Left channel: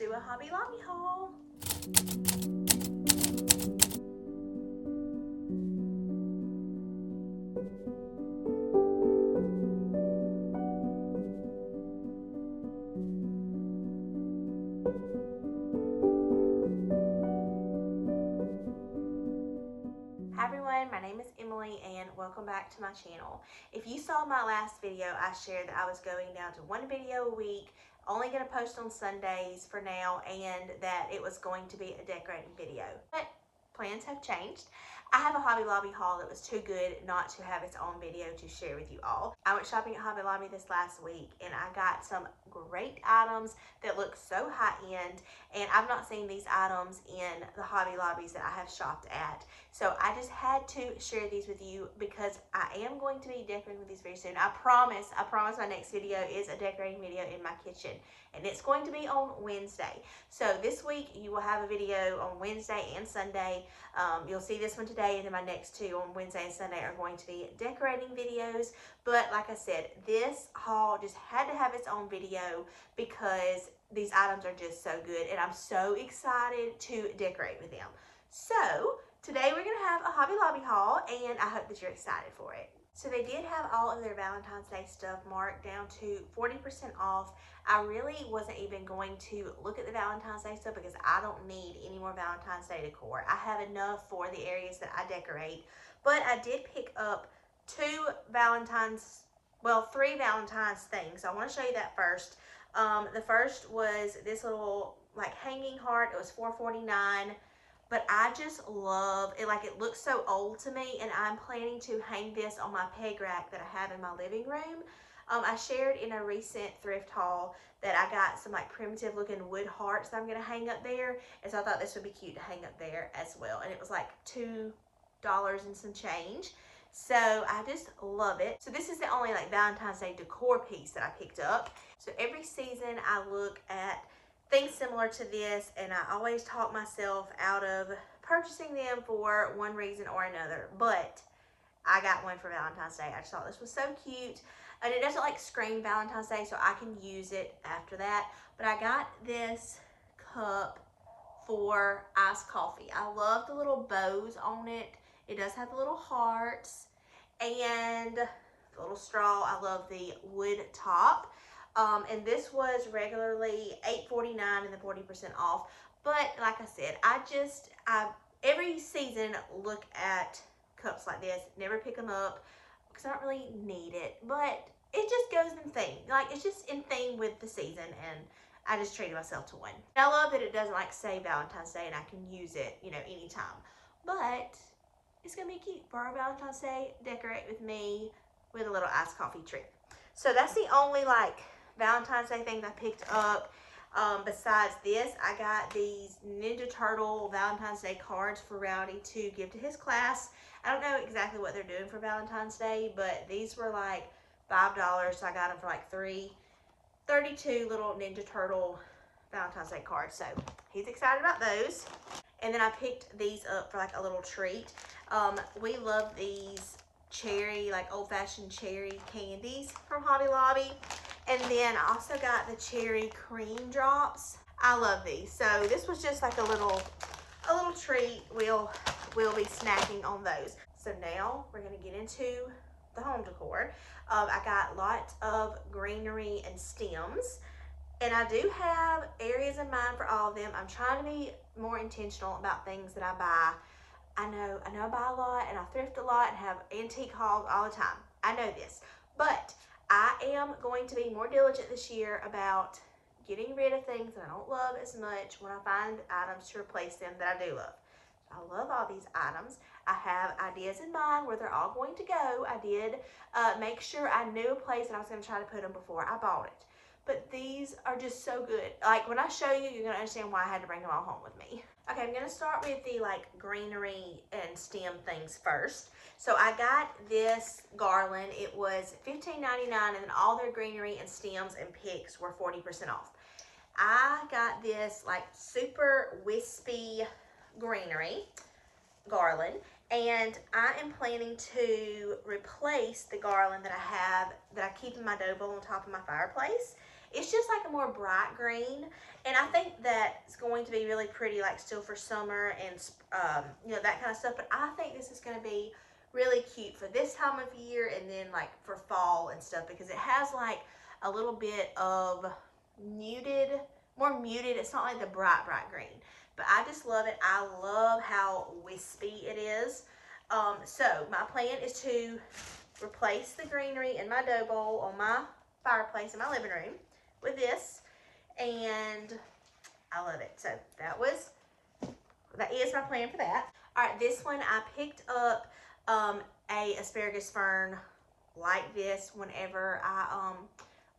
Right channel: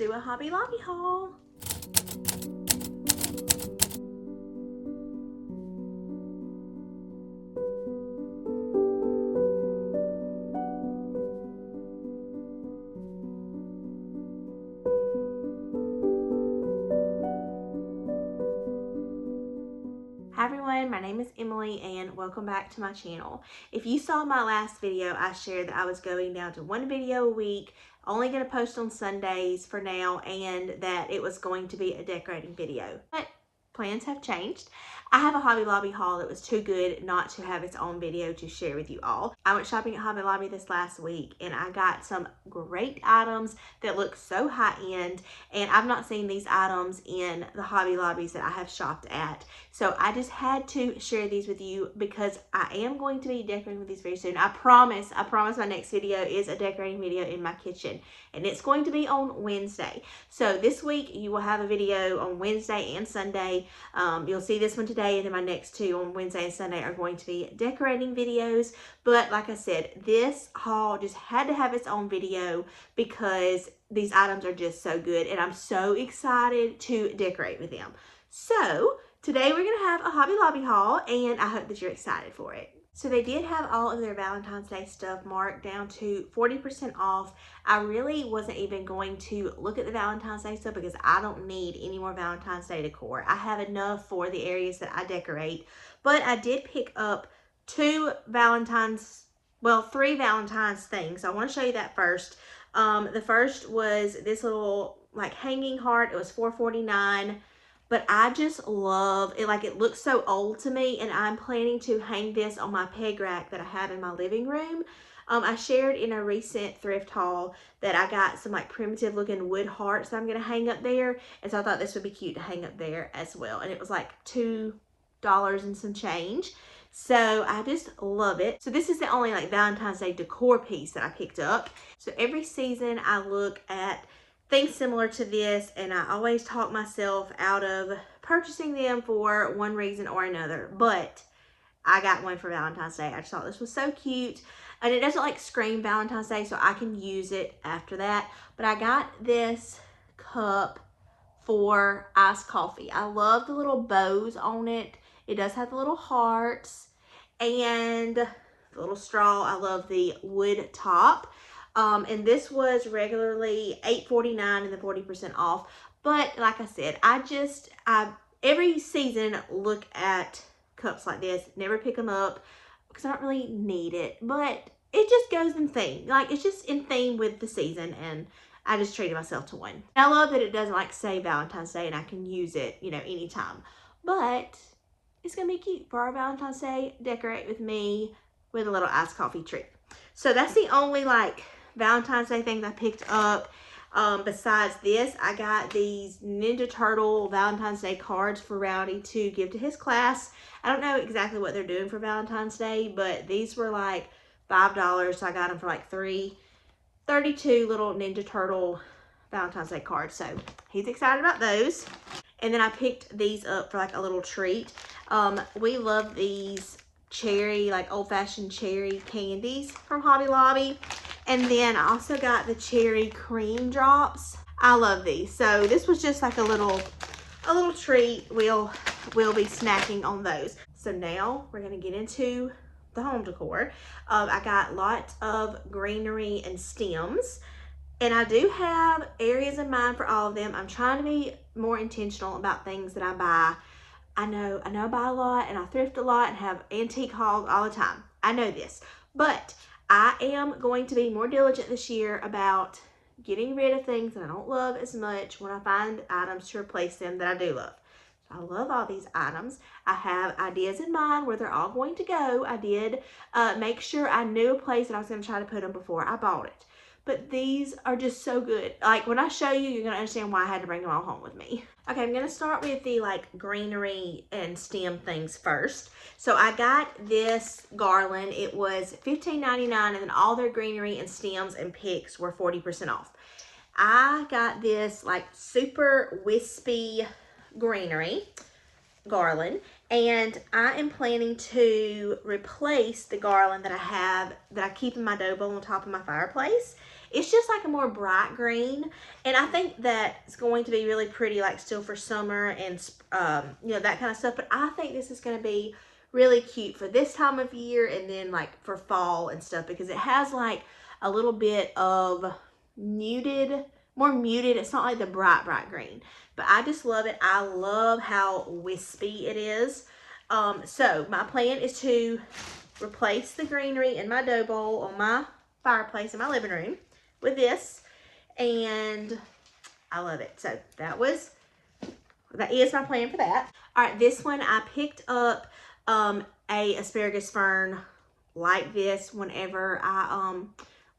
do a Hobby Lobby haul. Hi everyone, my name is Emily and welcome back to my channel. If you saw my last video, I shared that I was going down to one video a week, only going to post on Sundays for now, and that it was going to be a decorating video. But plans have changed. I have a Hobby Lobby haul that was too good not to have its own video to share with you all. I went shopping at Hobby Lobby this last week and I got some great items that look so high end, and I've not seen these items in the Hobby Lobbies that I have shopped at. So I just had to share these with you because I am going to be decorating with these very soon. I promise my next video is a decorating video in my kitchen, and it's going to be on Wednesday. So this week you will have a video on Wednesday and Sunday. You'll see this one today, and then my next two on Wednesday and Sunday are going to be decorating videos. But like I said, this haul just had to have its own video because these items are just so good and I'm so excited to decorate with them. So today we're going to have a Hobby Lobby haul, and I hope that you're excited for it. So they did have all of their Valentine's Day stuff marked down to 40% off. I really wasn't even going to look at the Valentine's Day stuff because I don't need any more Valentine's Day decor. I have enough for the areas that I decorate. But I did pick up three Valentine's things. I want to show you that first. The first was this little like hanging heart. It was $4.49. But I just love it. Like, it looks so old to me, and I'm planning to hang this on my peg rack that I have in my living room. I shared in a recent thrift haul that I got some like primitive looking wood hearts that I'm going to hang up there. And so I thought this would be cute to hang up there as well. And it was like $2 and some change. So I just love it. So this is the only like Valentine's Day decor piece that I picked up. So every season I look at things similar to this, and I always talk myself out of purchasing them for one reason or another. But I got one for Valentine's Day. I just thought this was so cute, and it doesn't like scream Valentine's Day, so I can use it after that. But I got this cup for iced coffee. I love the little bows on it. It does have the little hearts and the little straw. I love the wood top. And this was regularly $8.49 and the 40% off. But like I said, I every season look at cups like this, never pick them up because I don't really need it. But it just goes in theme. Like, it's just in theme with the season, and I just treated myself to one. I love that it doesn't like say Valentine's Day and I can use it, you know, anytime. But it's going to be cute for our Valentine's Day. Decorate with me with a little iced coffee treat. So that's the only like Valentine's Day things I picked up. Besides this, I got these Ninja Turtle Valentine's Day cards for Rowdy to give to his class. I don't know exactly what they're doing for Valentine's Day, but these were like $5, so I got them for like 32 little Ninja Turtle Valentine's Day cards. So he's excited about those. And then I picked these up for like a little treat. We love these cherry, like old-fashioned cherry candies from Hobby Lobby. And then I also got the cherry cream drops. I love these. So this was just like a little treat. We'll be snacking on those. So now we're gonna get into the home decor. I got lots of greenery and stems, and I do have areas in mind for all of them. I'm trying to be more intentional about things that I buy. I know I buy a lot and I thrift a lot and have antique hauls all the time. I know this, but I am going to be more diligent this year about getting rid of things that I don't love as much when I find items to replace them that I do love. I love all these items. I have ideas in mind where they're all going to go. I did make sure I knew a place that I was going to try to put them before I bought it. But these are just so good. Like, when I show you, you're going to understand why I had to bring them all home with me. Okay, I'm going to start with the like greenery and stem things first. So I got this garland. It was $15.99, and then all their greenery and stems and picks were 40% off. I got this like super wispy greenery garland, and I am planning to replace the garland that I keep in my dough bowl on top of my fireplace. It's just like a more bright green, and I think that it's going to be really pretty, like still for summer and you know, that kind of stuff. But I think this is going to be really cute for this time of year, and then like for fall and stuff, because it has like a little bit of more muted. It's not like the bright green, but I just love it. I love how wispy it is. So my plan is to replace the greenery in my dough bowl on my fireplace in my living room with this, and I love it. So that is my plan for that. All right, this one I picked up a asparagus fern like this whenever I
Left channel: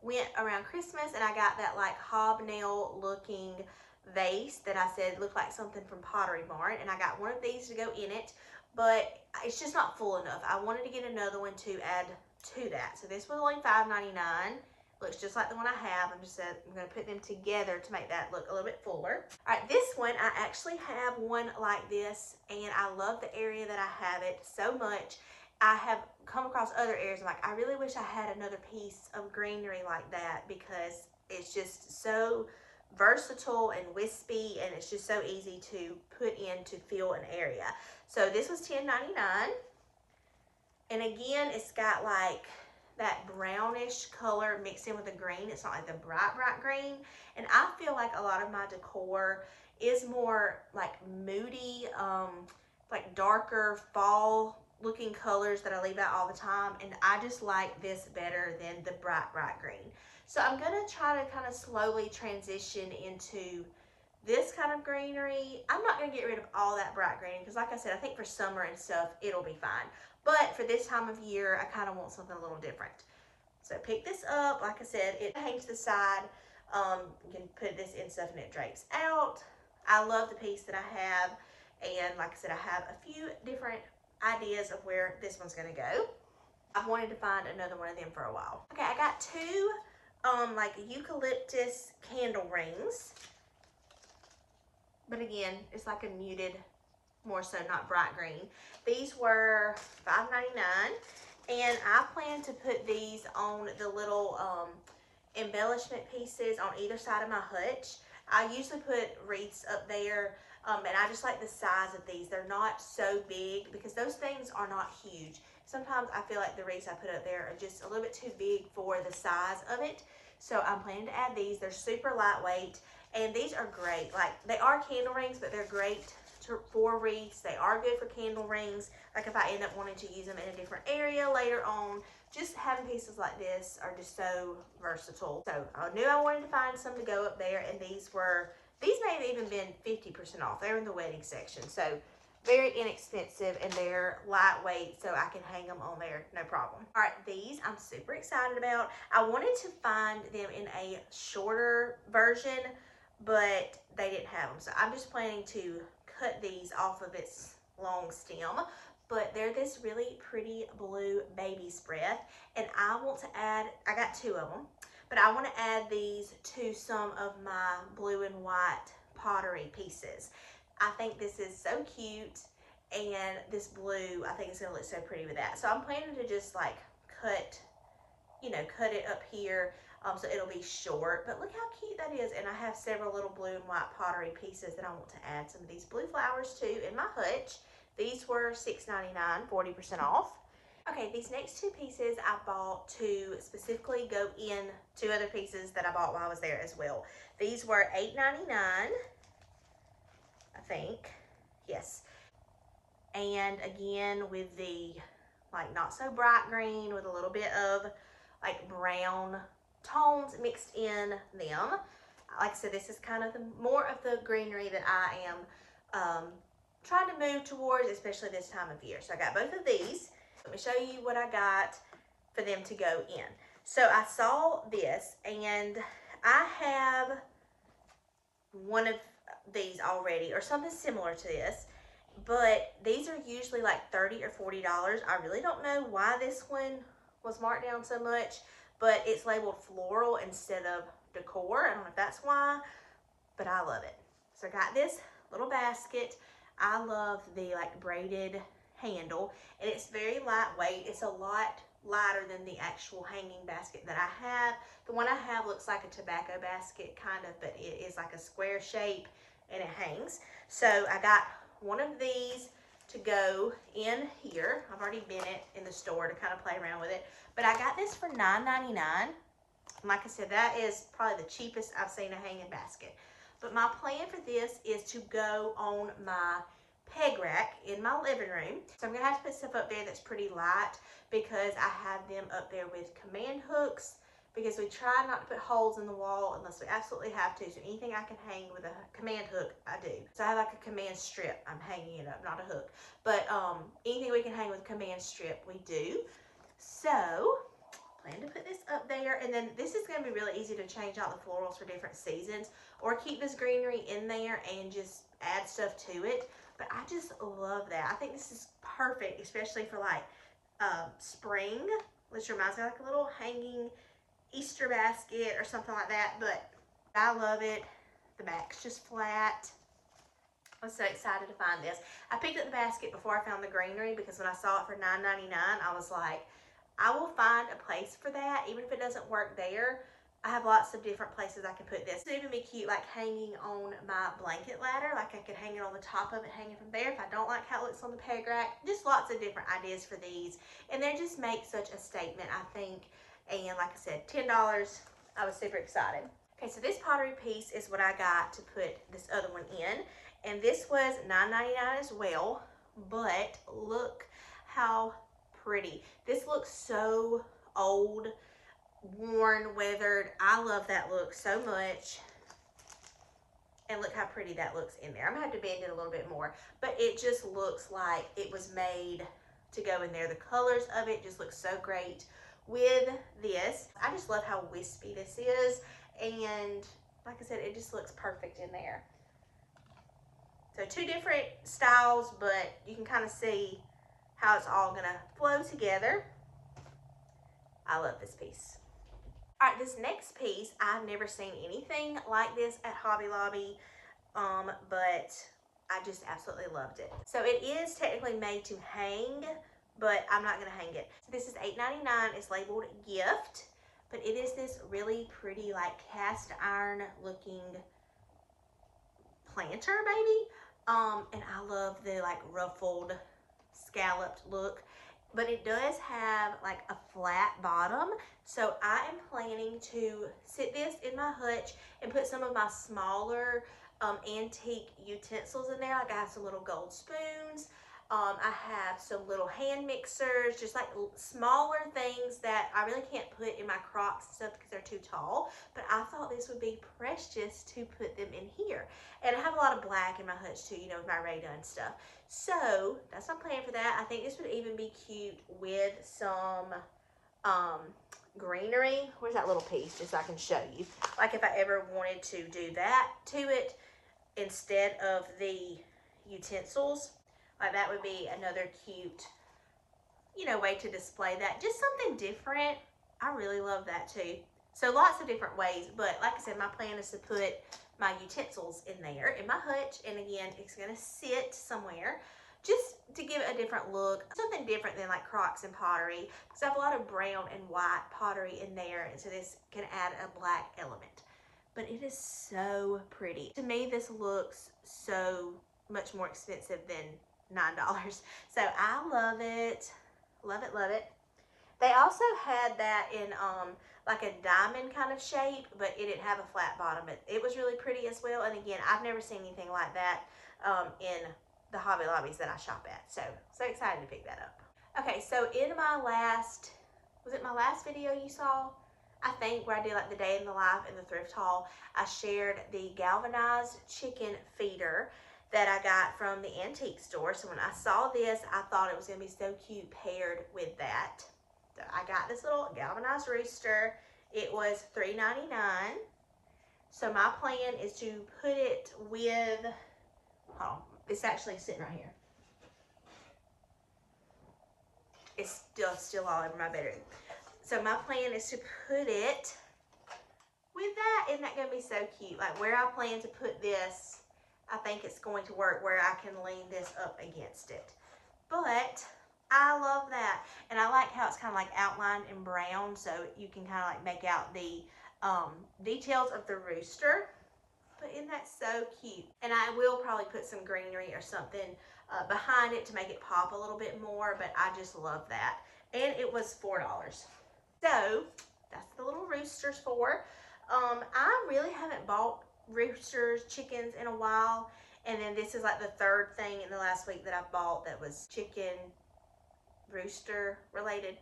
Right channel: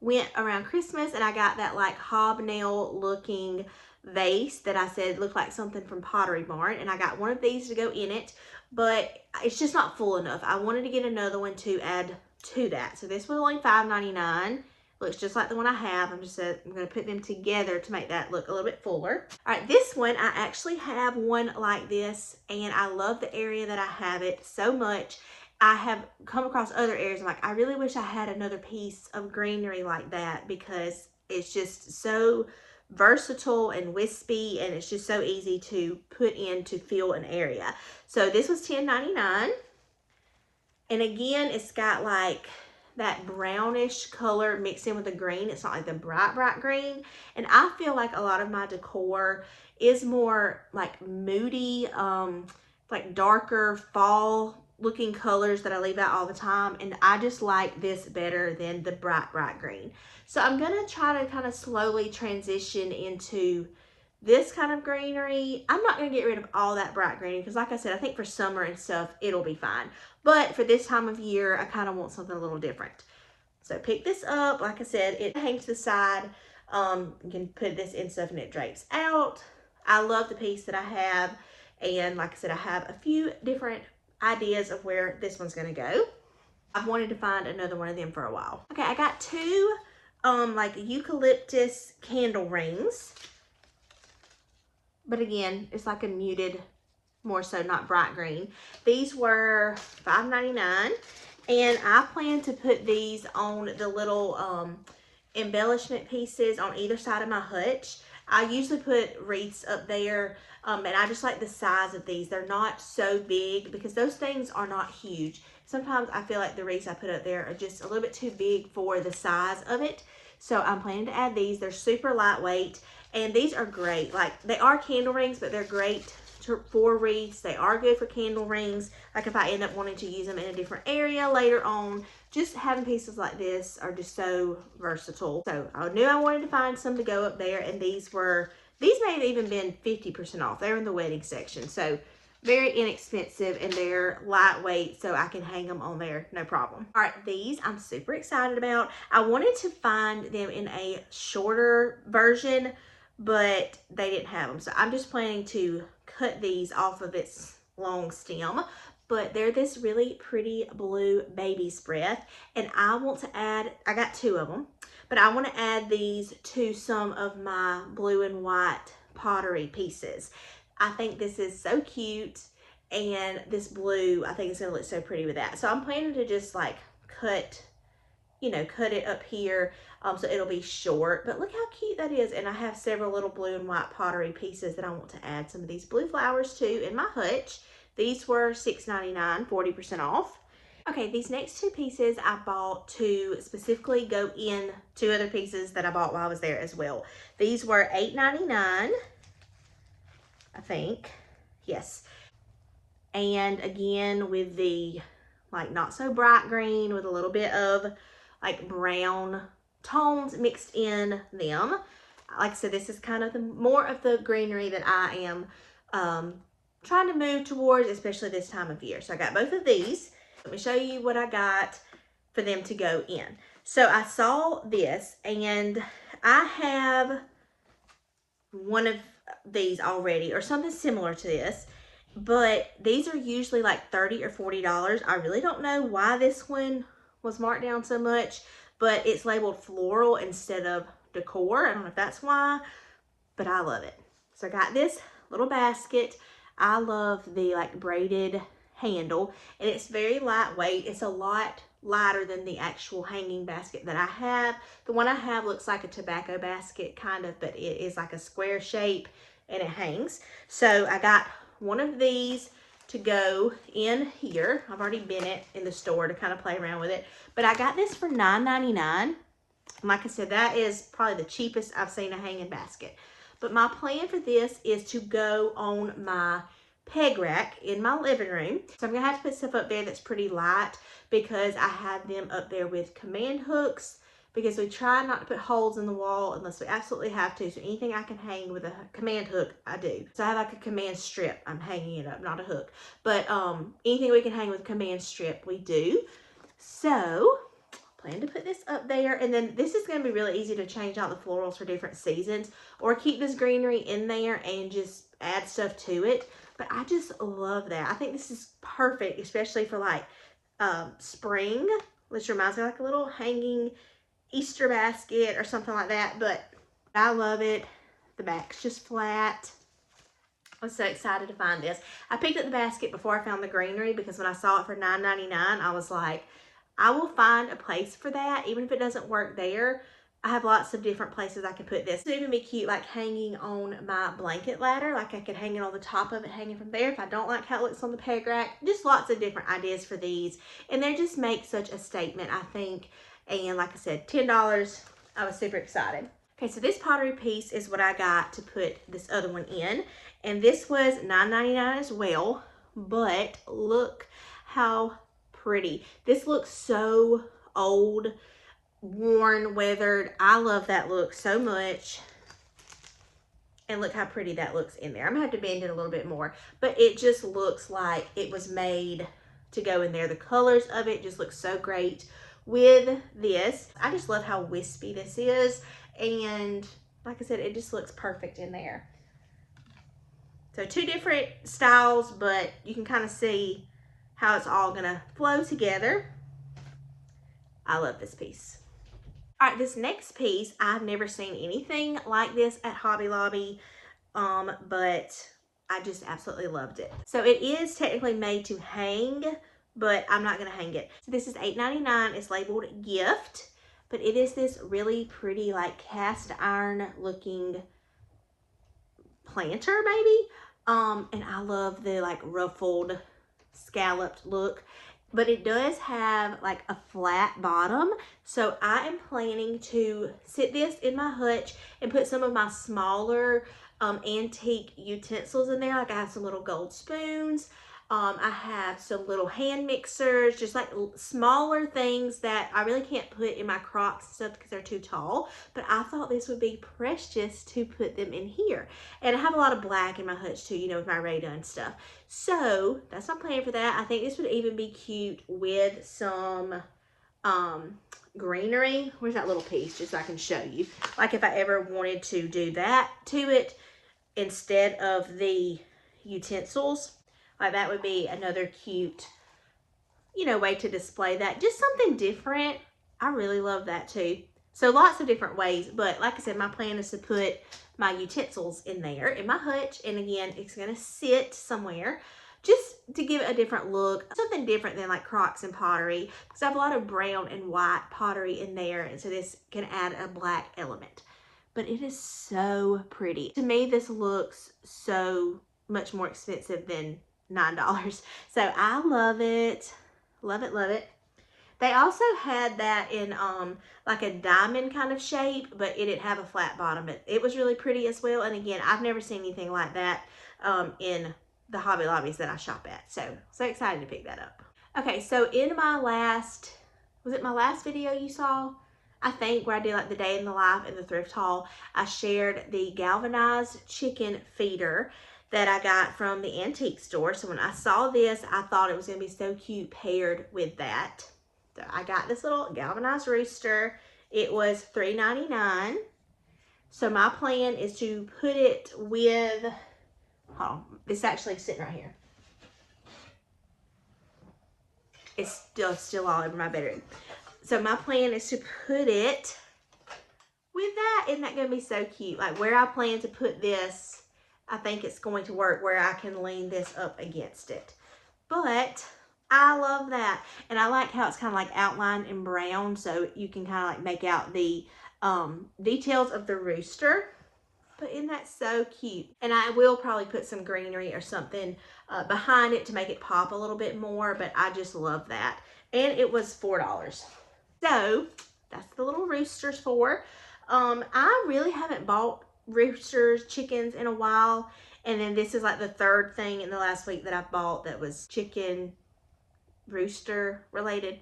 went around Christmas, and I got that like hobnail looking vase that I said looked like something from Pottery Barn, and I got one of these to go in it, but it's just not full enough. I wanted to get another one to add to that. So this was only $5.99. Looks just like the one I have. I'm going to put them together to make that look a little bit fuller. All right, this one, I actually have one like this, and I love the area that I have it so much. I have come across other areas. I'm like, I really wish I had another piece of greenery like that, because it's just so versatile and wispy, and it's just so easy to put in to fill an area. So this was $10.99. And again, it's got like that brownish color mixed in with the green. It's not like the bright green. And I feel like a lot of my decor is more like moody, like darker fall looking colors that I leave out all the time. And I just like this better than the bright green. So I'm going to try to kind of slowly transition into this kind of greenery. I'm not going to get rid of all that bright green, because like I said, I think for summer and stuff, it'll be fine. But for this time of year, I kind of want something a little different. So pick this up. Like I said, it hangs to the side. You can put this in stuff and it drapes out. I love the piece that I have. And like I said, I have a few different ideas of where this one's going to go. I've wanted to find another one of them for a while. Okay, I got two like eucalyptus candle rings. But again, it's like a muted, more so not bright green. These were $5.99, and I plan to put these on the little embellishment pieces on either side of my hutch. I usually put wreaths up there, and I just like the size of these. They're not so big, because those things are not huge. Sometimes I feel like the wreaths I put up there are just a little bit too big for the size of it. So I'm planning to add these. They're super lightweight, and these are great. Like, they are candle rings, but they're great for wreaths. They are good for candle rings. Like if I end up wanting to use them in a different area later on, just having pieces like this are just so versatile. So I knew I wanted to find some to go up there, and these may have even been 50% off. They were in the wedding section. So very inexpensive, and they're lightweight, so I can hang them on there, no problem. All right, these I'm super excited about. I wanted to find them in a shorter version, but they didn't have them. So I'm just planning to cut these off of its long stem. But they're this really pretty blue baby's breath, and I want to add, I got two of them, but I want to add these to some of my blue and white pottery pieces. I think this is so cute, and this blue, I think it's going to look so pretty with that. So I'm planning to just like cut it up here, so it'll be short. But look how cute that is. And I have several little blue and white pottery pieces that I want to add some of these blue flowers to in my hutch. These were $6.99, 40% off. Okay, these next two pieces I bought to specifically go in two other pieces that I bought while I was there as well. These were $8.99. I think, yes. And again, with the like not so bright green with a little bit of like brown tones mixed in them. Like I said, this is kind of more of the greenery that I am trying to move towards, especially this time of year. So I got both of these. Let me show you what I got for them to go in. So I saw this, and I have one of these already, or something similar to this, but these are usually like $30 or $40. I really don't know why this one was marked down so much, but it's labeled floral instead of decor. I don't know if that's why, but I love it. So I got this little basket. I love the like braided handle, and it's very lightweight. It's a lot lighter than the actual hanging basket that I have. The one I have looks like a tobacco basket kind of, but it is like a square shape and it hangs. So I got one of these to go in here. I've already been in the store to kind of play around with it, but I got this for $9.99. Like I said, that is probably the cheapest I've seen a hanging basket. But my plan for this is to go on my peg rack in my living room. So I'm gonna have to put stuff up there that's pretty light because I have them up there with command hooks, because we try not to put holes in the wall unless we absolutely have to. So anything I can hang with a command hook, I do. So I have like a command strip. I'm hanging it up, not a hook. But anything we can hang with a command strip, we do. So plan to put this up there, and then this is going to be really easy to change out the florals for different seasons, or keep this greenery in there and just add stuff to it. But I just love that. I think this is perfect, especially for like spring, which reminds me of like a little hanging Easter basket or something like that. But I love it. The back's just flat. I was so excited to find this. I picked up the basket before I found the greenery because when I saw it for $9.99, I was like, I will find a place for that, even if it doesn't work there. I have lots of different places I can put this. It would even be cute, like hanging on my blanket ladder. Like I could hang it on the top of it, hanging from there if I don't like how it looks on the peg rack. Just lots of different ideas for these. And they just make such a statement, I think. And like I said, $10. I was super excited. Okay, so this pottery piece is what I got to put this other one in. And this was $9.99 as well. But look how pretty. This looks so old, worn, weathered. I love that look so much. And look how pretty that looks in there. I'm gonna have to bend it a little bit more, but it just looks like it was made to go in there. The colors of it just look so great with this. I just love how wispy this is, and like I said, it just looks perfect in there. So two different styles, but you can kind of see how it's all gonna flow together. I love this piece. All right, this next piece, I've never seen anything like this at Hobby Lobby, but I just absolutely loved it. So it is technically made to hang, but I'm not gonna hang it. So this is $8.99, it's labeled gift, but it is this really pretty like cast iron looking planter maybe. And I love the like ruffled scalloped look, but it does have like a flat bottom. So I am planning to sit this in my hutch and put some of my smaller antique utensils in there. Like I have some little gold spoons. I have some little hand mixers, just like smaller things that I really can't put in my Crocs and stuff because they're too tall. But I thought this would be precious to put them in here. And I have a lot of black in my hutch too, you know, with my radar and stuff. So that's my plan for that. I think this would even be cute with some greenery. Where's that little piece? Just so I can show you. Like if I ever wanted to do that to it instead of the utensils. Like that would be another cute, you know, way to display that. Just something different. I really love that too. So lots of different ways, but like I said, my plan is to put my utensils in there in my hutch, and again, it's gonna sit somewhere just to give it a different look, something different than like Crocs and pottery, because I have a lot of brown and white pottery in there, and so this can add a black element. But it is so pretty. To me, this looks so much more expensive than $9. So I love it. Love it, love it. They also had that in like a diamond kind of shape, but it didn't have a flat bottom. It was really pretty as well. And again, I've never seen anything like that in the Hobby Lobbies that I shop at. So excited to pick that up. Okay, so in my last, was it my last video you saw? I think where I did like the day in the life in the thrift haul, I shared the galvanized chicken feeder that I got from the antique store. So when I saw this, I thought it was gonna be so cute paired with that. So I got this little galvanized rooster. It was $3.99. So my plan is to put it with, hold on, it's actually sitting right here. It's still all over my bedroom. So my plan is to put it with that. Isn't that gonna be so cute? Like where I plan to put this, I think it's going to work where I can lean this up against it. But I love that. And I like how it's kind of like outlined in brown, so you can kind of like make out the details of the rooster. But isn't that so cute? And I will probably put some greenery or something behind it to make it pop a little bit more, but I just love that. And it was $4. So that's the little roosters for. I really haven't bought roosters, chickens in a while. And then this is like the third thing in the last week that I bought that was chicken, rooster related.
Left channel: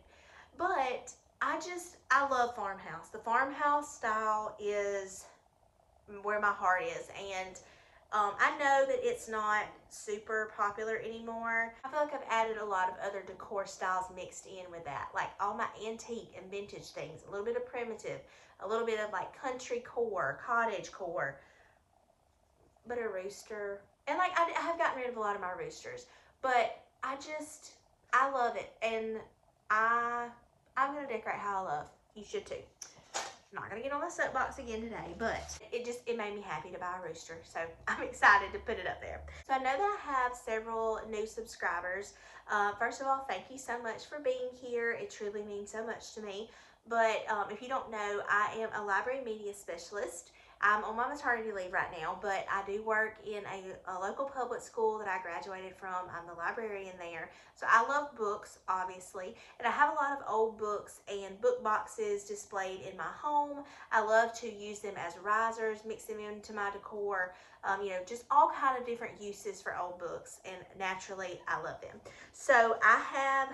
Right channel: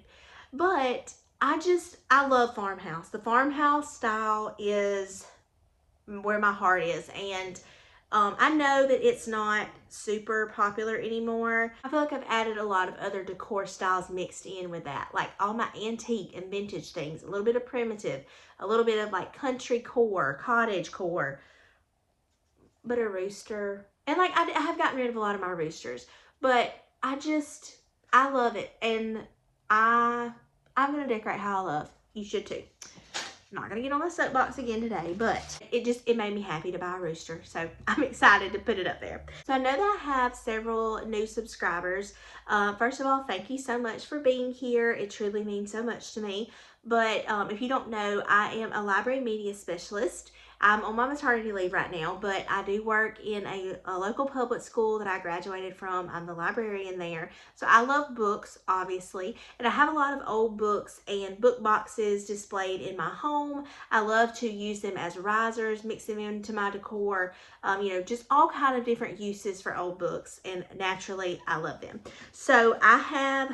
But I love Farmhouse. The Farmhouse style is where my heart is. And I know that it's not super popular anymore. I feel like I've added a lot of other decor styles mixed in with that. Like all my antique and vintage things, a little bit of primitive, a little bit of like country core, cottage core, but a rooster. And like I have gotten rid of a lot of my roosters, but I love it. And I'm going to decorate how I love. You should too. Not gonna get on the soapbox again today, but it made me happy to buy a rooster, so I'm excited to put it up there. So I know that I have several new subscribers. First of all, thank you so much for being here. It truly means so much to me. But if you don't know, I am a library media specialist. I'm on my maternity leave right now, but I do work in a local public school that I graduated from. I'm the librarian there. So I love books, obviously, and I have a lot of old books and book boxes displayed in my home. I love to use them as risers, mix them into my decor, you know, just all kind of different uses for old books, and naturally, I love them. So I have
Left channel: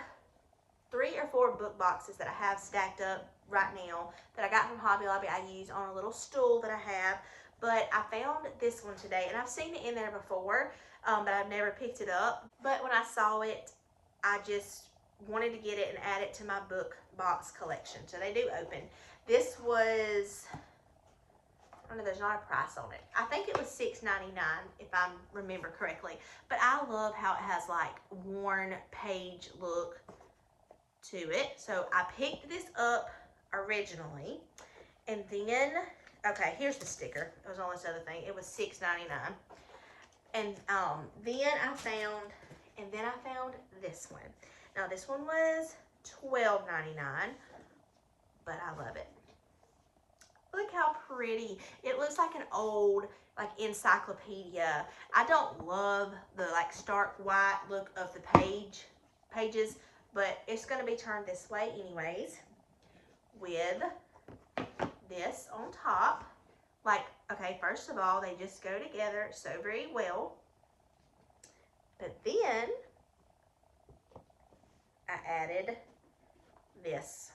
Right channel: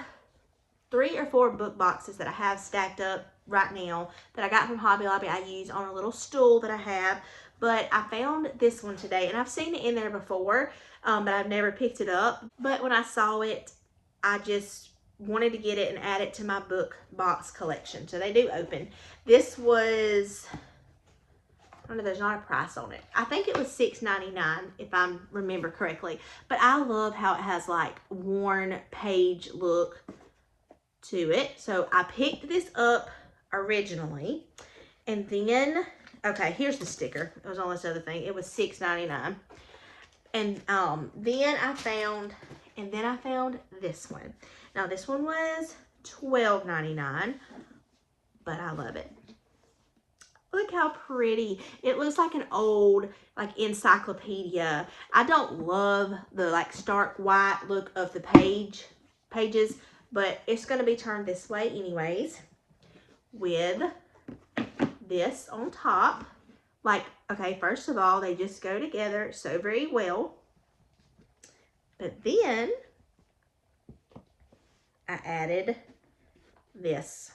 3 or 4 book boxes that I have stacked up right now that I got from Hobby Lobby. I use on a little stool that I have, but I found this one today, and I've seen it in there before, but I've never picked it up. But when I saw it, I just wanted to get it and add it to my book box collection. So they do open. This was, I don't know, there's not a price on it. I think it was $6.99 if I remember correctly. But I love how it has like worn page look to it. So I picked this up originally, and then okay, here's the sticker. It was on this other thing. It was $6.99, and then I found this one. Now this one was $12.99, but I love it. Look how pretty. It looks like an old like encyclopedia. I don't love the like stark white look of the pages, but it's going to be turned this way anyways, with this on top. Like, okay, first of all, they just go together so very well. But then I added this.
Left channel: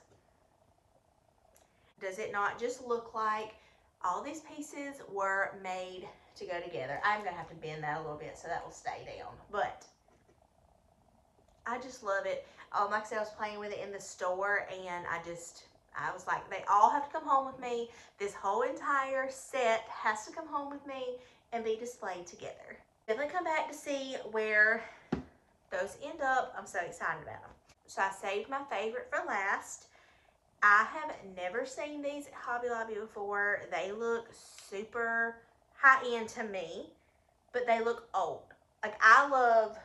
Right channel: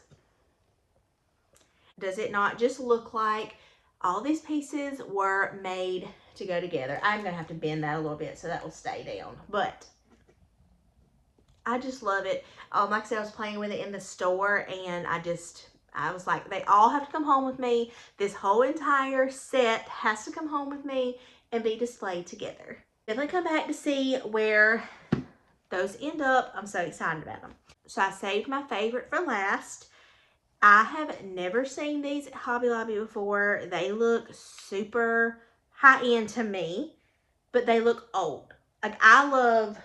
Does it not just look like all these pieces were made to go together? I'm going to have to bend that a little bit so that will stay down. But I just love it. Like I said, I was playing with it in the store, and I was like, they all have to come home with me. This whole entire set has to come home with me and be displayed together. Definitely come back to see where those end up. I'm so excited about them. So I saved my favorite for last. I have never seen these at Hobby Lobby before. They look super high end to me, but they look old. Like, I love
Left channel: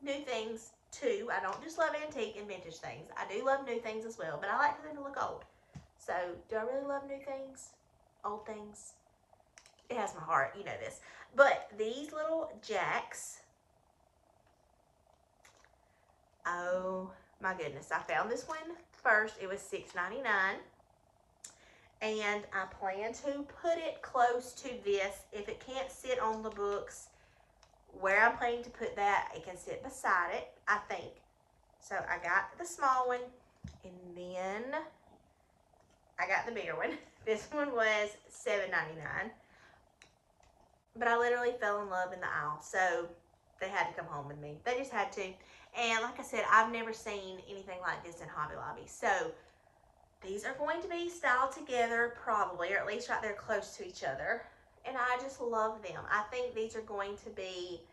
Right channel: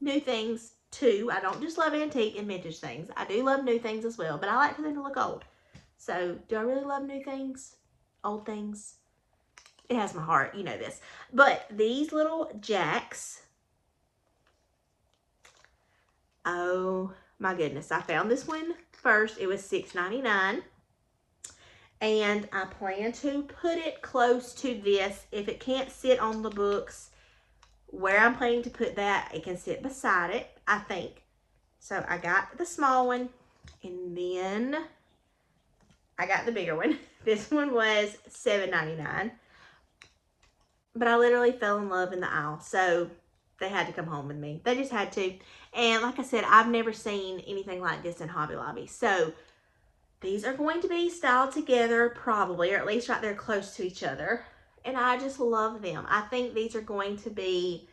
new things too. I don't just love antique and vintage things. I do love new things as well, but I like for them to look old. So do I really love new things? Old things? It has my heart, you know this. But these little jacks, oh my goodness. I found this one first. It was $6.99. And I plan to put it close to this. If it can't sit on the books where I'm planning to put that, it can sit beside it, I think. So I got the small one, and then I got the bigger one. This one was $7.99. But I literally fell in love in the aisle, so they had to come home with me. They just had to. And like I said, I've never seen anything like this in Hobby Lobby. So these are going to be styled together probably, or at least right there close to each other. And I just love them. I think these are going to be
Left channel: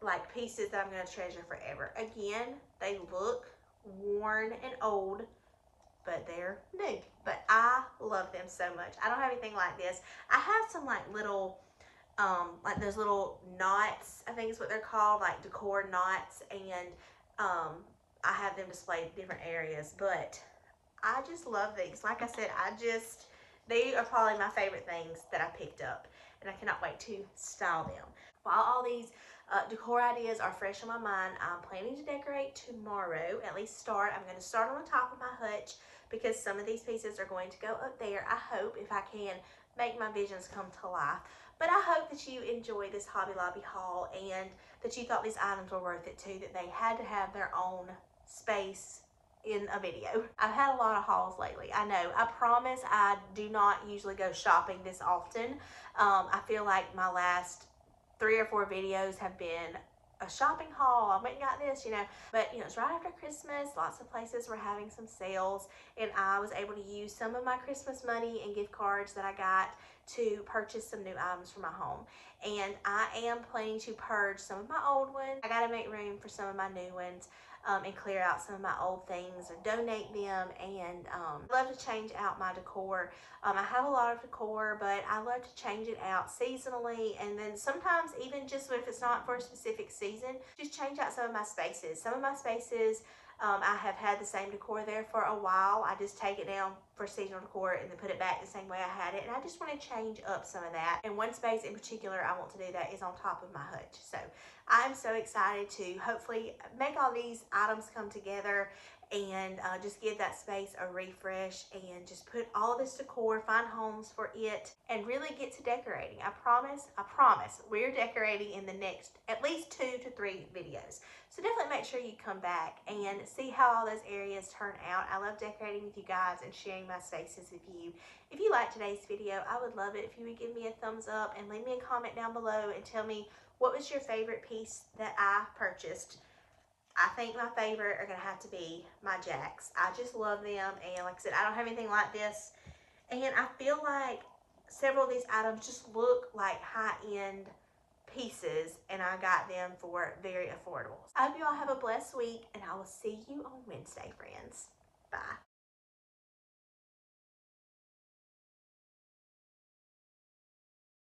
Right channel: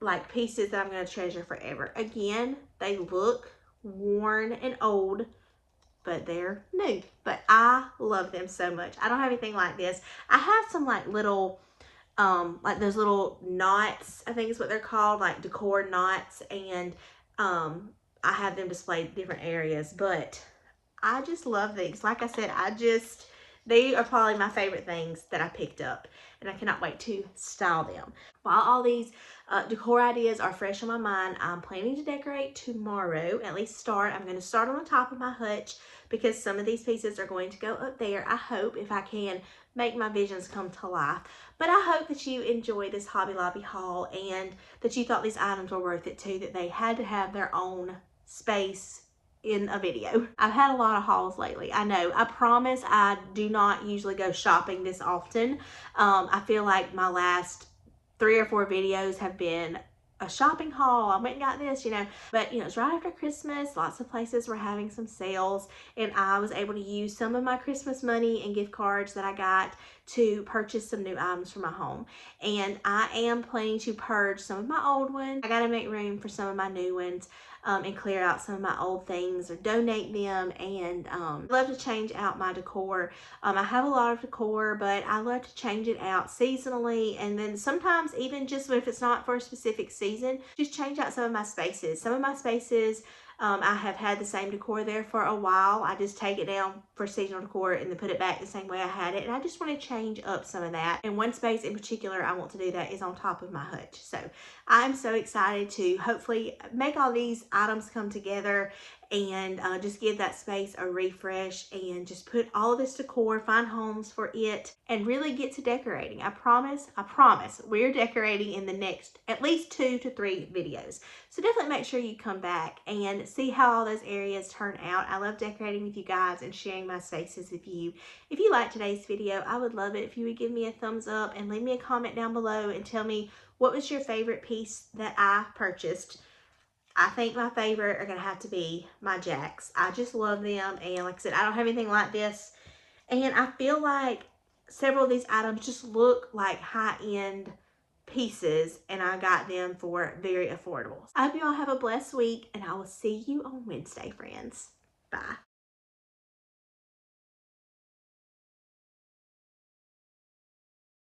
like pieces that I'm going to treasure forever. Again, they look worn and old, but they're new. But I love them so much. I don't have anything like this. I have some like little, like those little knots, I think is what they're called, like decor knots, and I have them displayed in different areas, but I just love these. Like I said, they are probably my favorite things that I picked up, and I cannot wait to style them. While all these decor ideas are fresh on my mind, I'm planning to decorate tomorrow, at least start. I'm going to start on the top of my hutch because some of these pieces are going to go up there. I hope, if I can, make my visions come to life. But I hope that you enjoy this Hobby Lobby haul and that you thought these items were worth it too, that they had to have their own space in a video. I've had a lot of hauls lately. I know. I promise I do not usually go shopping this often. I feel like my last 3 or 4 videos have been a shopping haul. I went and got this, but it's right after Christmas. Lots of places were having some sales, and I was able to use some of my Christmas money and gift cards that I got to purchase some new items for my home. And I am planning to purge some of my old ones. I got to make room for some of my new ones. And clear out some of my old things or donate them, and love to change out my decor. I have a lot of decor, but I love to change it out seasonally, and then sometimes even just if it's not for a specific season, just change out some of my spaces. Some of my spaces, I have had the same decor there for a while. I just take it down for seasonal decor and then put it back the same way I had it, and I just want to change up some of that. And one space in particular I want to do that is on top of my hutch. So I'm so excited to hopefully make all these items come together and just give that space a refresh and just put all of this decor, find homes for it, and really get to decorating. I promise, we're decorating in the next at least 2 to 3 videos. So definitely make sure you come back and see how all those areas turn out. I love decorating with you guys and sharing my spaces with you. If you liked today's video, I would love it if you would give me a thumbs up and leave me a comment down below and tell me what was your favorite piece that I purchased. I think my favorite are going to have to be my jacks. I just love them, and like I said, I don't have anything like this, and I feel like several of these items just look like high-end pieces, and I got them for very affordable. I hope you all have a blessed week, and I will see you on Wednesday, friends. Bye.